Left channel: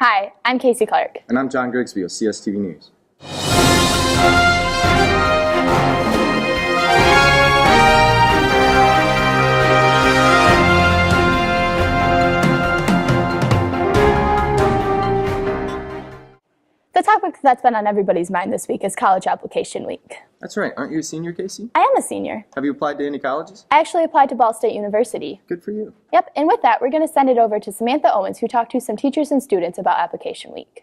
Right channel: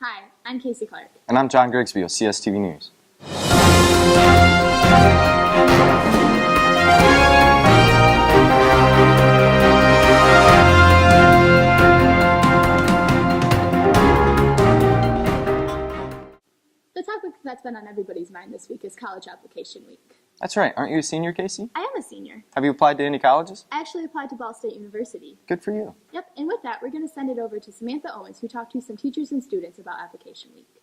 Hi, I'm Casey Clark. And I'm John Grigsby of CSTV News. The topic that's been on everybody's mind this week is College Application Week. That's right. Aren't you a senior, Casey? I am a senior. Have you applied to any colleges? I actually applied to Ball State University. Good for you. Yep, and with that, we're going to send it over to Samantha Owens, who talked to some teachers and students about Application Week.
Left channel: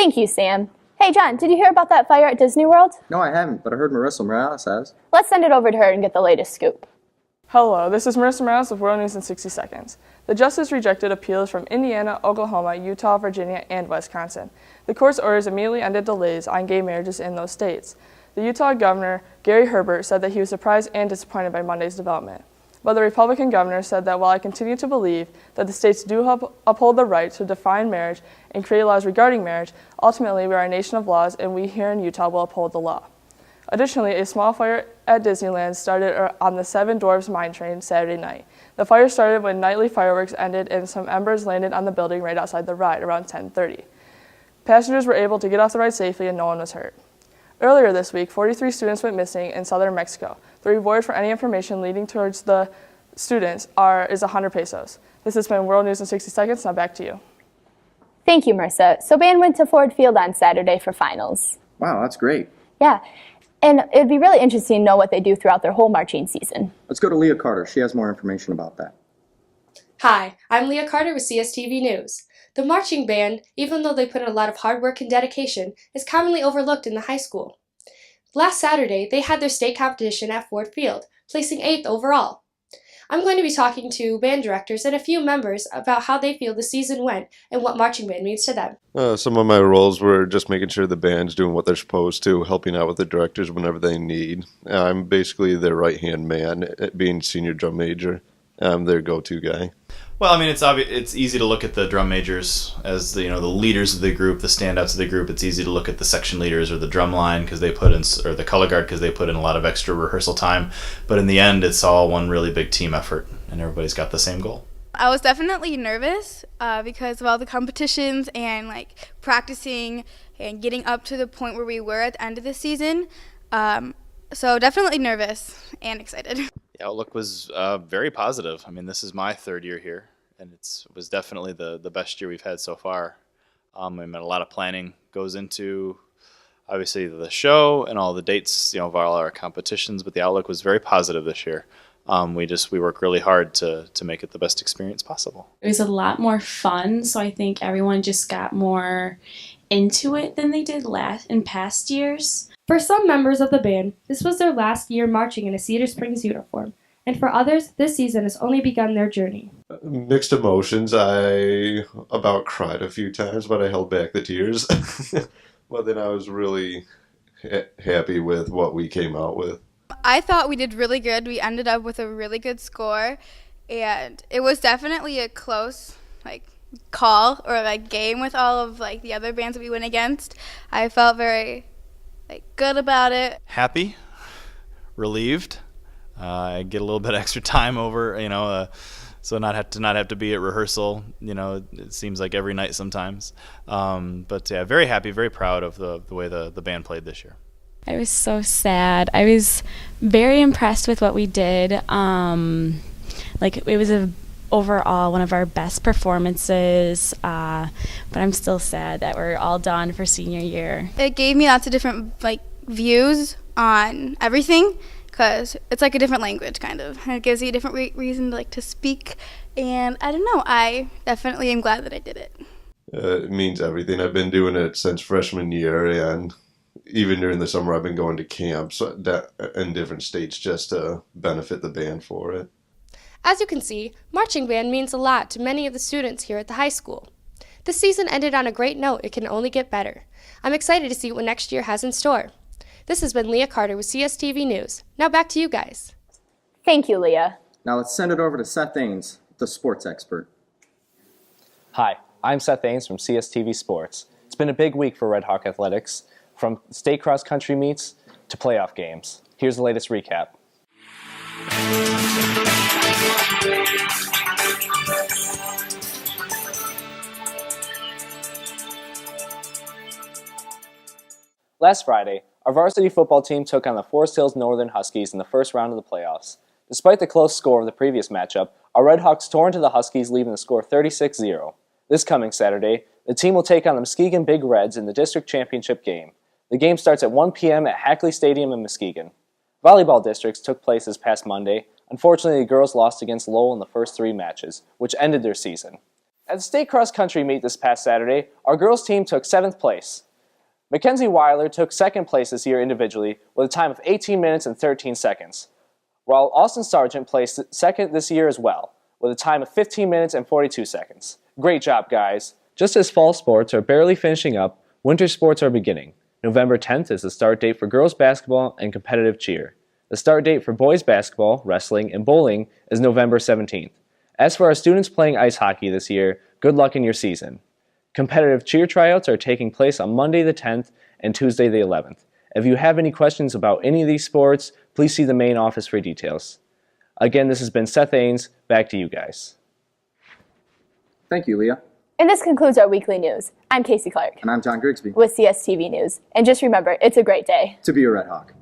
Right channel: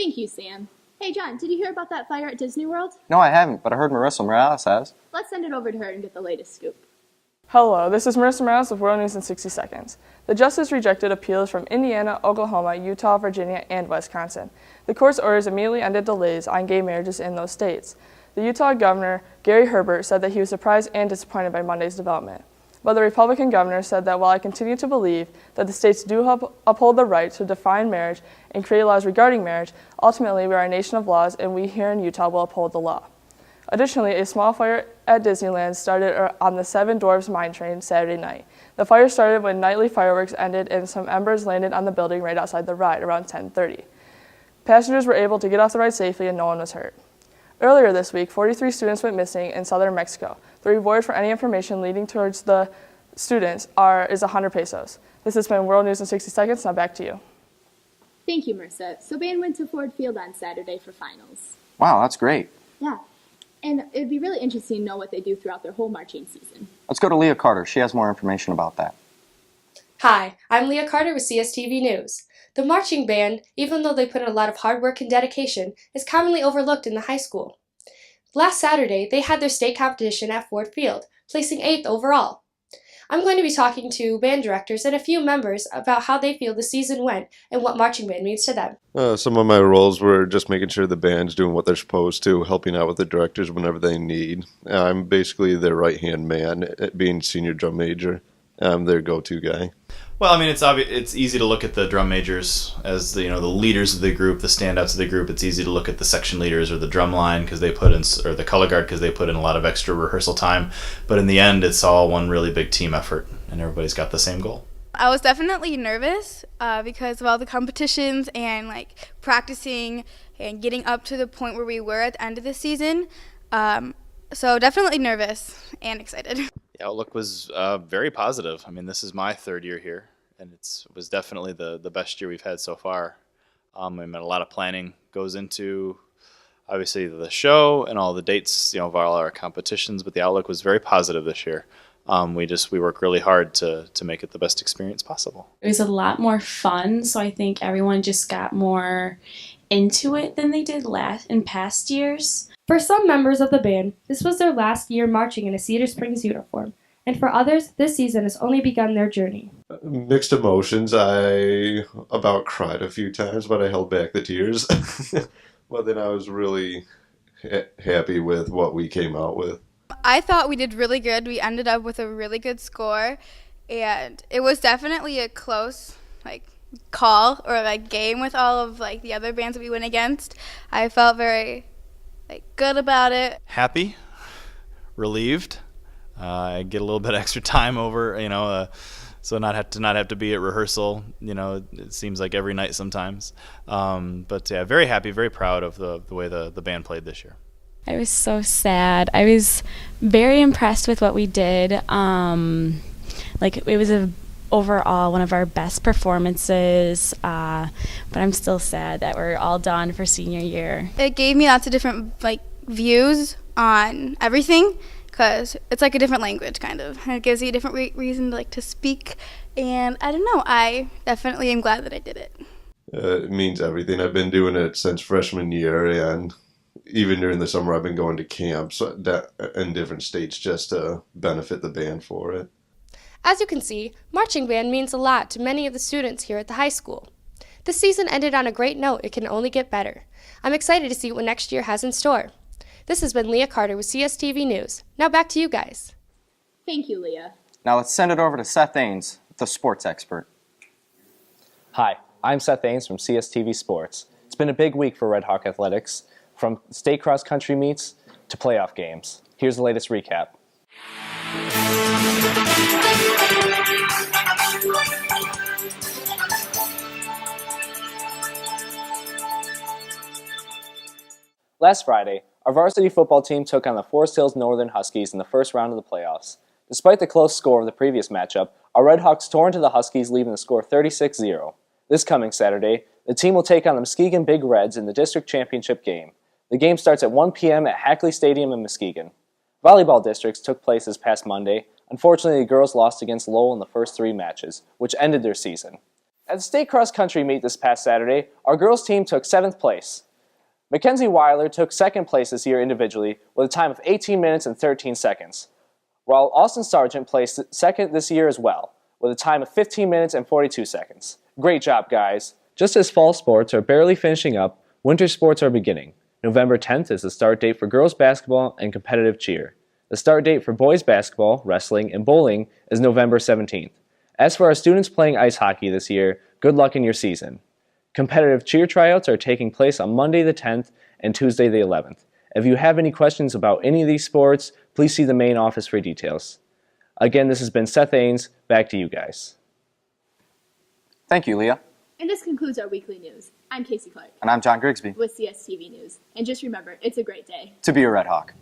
Thank you, Sam. Hey, John, did you hear about that fire at Disney World? No, I haven't, but I heard Marissa Morales has. Let's send it over to her and get the latest scoop. Hello, this is Marissa Morales with World News in 60 Seconds. The justice rejected appeals from Indiana, Oklahoma, Utah, Virginia, and Wisconsin. The court's orders immediately ended delays on gay marriages in those states. The Utah governor, Gary Herbert, said that he was surprised and disappointed by Monday's development. But the Republican governor said that while I continue to believe that the states do uphold the right to define marriage and create laws regarding marriage, ultimately we are a nation of laws and we here in Utah will uphold the law. Additionally, a small fire at Disneyland started on the Seven Dwarfs mine train Saturday night. The fire started when nightly fireworks ended and some embers landed on the building right outside the ride around 10:30. Passengers were able to get off the ride safely and no one was hurt. Earlier this week, 43 students went missing in southern Mexico. The reward for any information leading towards the students is 100 pesos. This has been World News in 60 Seconds. Now back to you. Thank you, Marissa. So band went to Ford Field on Saturday for finals. Wow, that's great. Yeah, and it would be really interesting to know what they do throughout their whole marching season. Let's go to Leah Carter. She has more information about that. Hi, I'm Leah Carter with CSTV News. The marching band, even though they put in a lot of hard work and dedication, is commonly overlooked in the high school. Last Saturday, they had their state competition at Ford Field, placing 8th overall. I'm going to be talking to band directors and a few members about how they feel the season went and what marching band means to them. Well, I mean, it's easy to look at the drum majors as the the leaders of the group, the standouts of the group. It's easy to look at the section leaders or the drum line because they put in, or the color guard because they put in a lot of extra rehearsal time. But in the end, it's all one really big team effort, and everybody's got the same goal. I was definitely nervous because of all the competitions and like practicing and getting up to the point where we were at the end of the season. So definitely nervous and excited. The outlook was very positive. I mean, this is my third year here, and it was definitely the best year we've had so far. I mean, a lot of planning goes into obviously the show and all the dates, of all our competitions, but the outlook was very positive this year. We work really hard to make it the best experience possible. For some members of the band, this was their last year marching in a Cedar Springs uniform, and for others, this season has only begun their journey. I thought we did really good. We ended up with a really good score, and it was definitely a close call or game with all of the other bands that we went against. I felt very good about it. Happy, relieved. I get a little bit extra time over, so not have to be at rehearsal. It seems like every night sometimes. But yeah, very happy, very proud of the way the band played this year. It gave me lots of different views on everything because it's like a different language kind of. And it gives you a different reason to speak. And I don't know, I definitely am glad that I did it. As you can see, marching band means a lot to many of the students here at the high school. This season ended on a great note. It can only get better. I'm excited to see what next year has in store. This has been Leah Carter with CSTV News. Now back to you guys. Thank you, Leah. Now let's send it over to Seth Ains, the sports expert. Hi, I'm Seth Ains from CSTV Sports. It's been a big week for Red Hawk Athletics, from state cross-country meets to playoff games. Here's the latest recap. Last Friday, our varsity football team took on the Forest Hills Northern Huskies in the first round of the playoffs. Despite the close score of the previous matchup, our Red Hawks tore into the Huskies, leaving the score 36-0. This coming Saturday, the team will take on the Muskegon Big Reds in the district championship game. The game starts at 1 p.m. at Hackley Stadium in Muskegon. Volleyball districts took place this past Monday. Unfortunately, the girls lost against Lowell in the first 3 matches, which ended their season. At the state cross-country meet this past Saturday, our girls team took 7th place. Mackenzie Weiler took 2nd place this year individually with a time of 18 minutes and 13 seconds, while Austin Sargent placed 2nd this year as well, with a time of 15 minutes and 42 seconds. Great job, guys! Just as fall sports are barely finishing up, winter sports are beginning. November 10th is the start date for girls basketball and competitive cheer. The start date for boys basketball, wrestling, and bowling is November 17th. As for our students playing ice hockey this year, good luck in your season. Competitive cheer tryouts are taking place on Monday the 10th and Tuesday the 11th. If you have any questions about any of these sports, please see the main office for details. Again, this has been Seth Ains. Back to you guys. Thank you, Leah. And this concludes our weekly news. I'm Casey Clark And I'm John Grigsby. with CSTV News. And just remember, it's a great day To be a Red Hawk.